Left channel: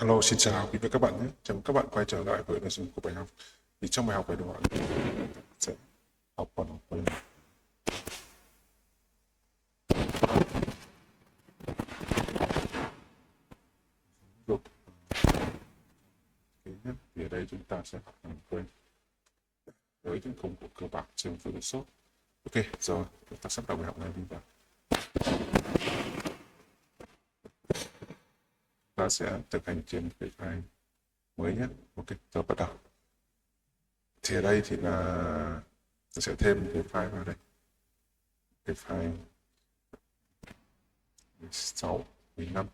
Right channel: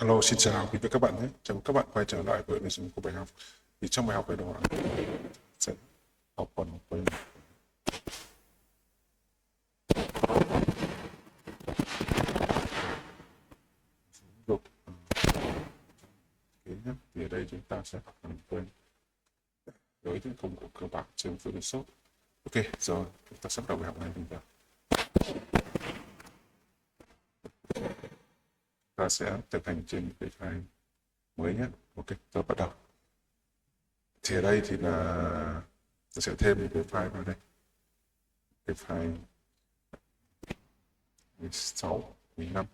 Hello, xin chào quý vị các bạn nhé. Chào mừng các bạn quay trở lại với nội dung của bài học. Thì trong bài học này đó sẽ học phần luật nhé. Thì ở đây chúng ta sẽ học làm quen với những công cụ cơ bản trong Photoshop. Ok, rồi chúng ta sẽ học bài học này chúng ta sẽ thực hành trên cái file mới nhé. Ok, rồi bắt đầu. Thì ở đây thì là tôi sẽ thêm một cái file vào đây, cái file 16 15.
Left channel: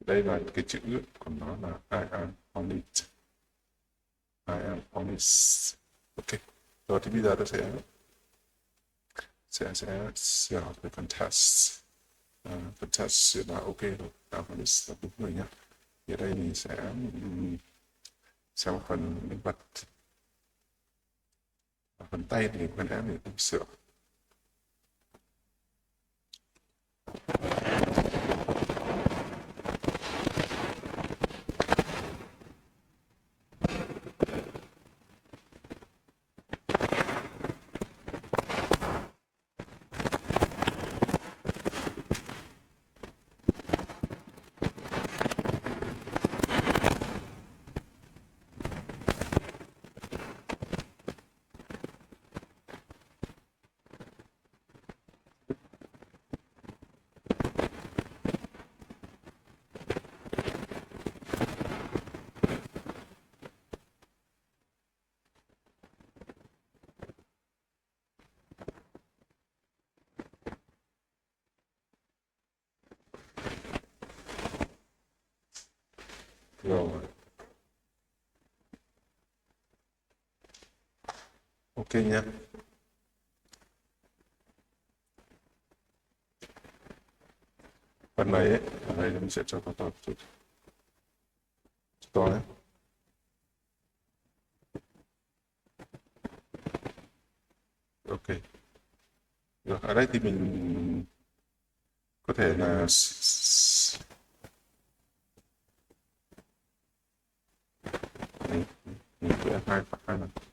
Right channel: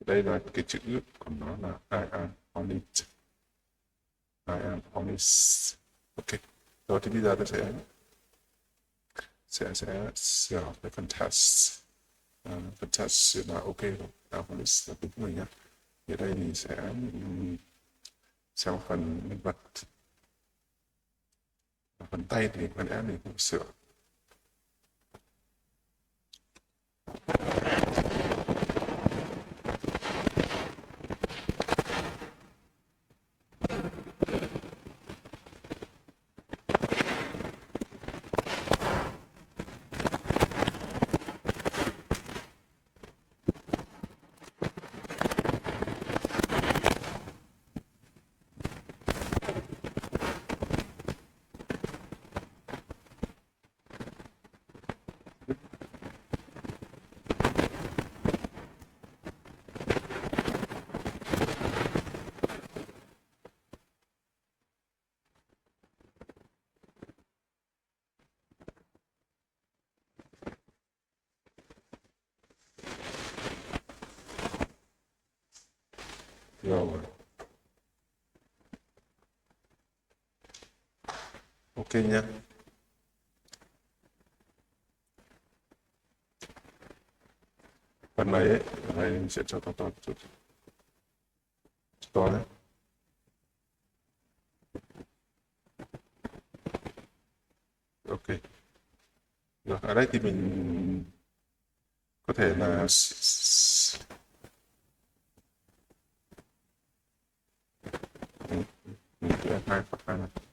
Đây là cái chữ của nó là I am on it. I am on it. Ok, rồi thì bây giờ ta sẽ sửa cái phần test. Phần test là ok rồi, on it là đúng rồi nhé. Ở đây mình sẽ sau phần vật và phần tay thì mình đã mình không sửa. Rồi. Ok nha. Phần này ấy, ở đây mình sẽ cho to to chút. To đấy. Ok. Rồi, ở đây thì mình có thể là đấy, mình sẽ hai phần này.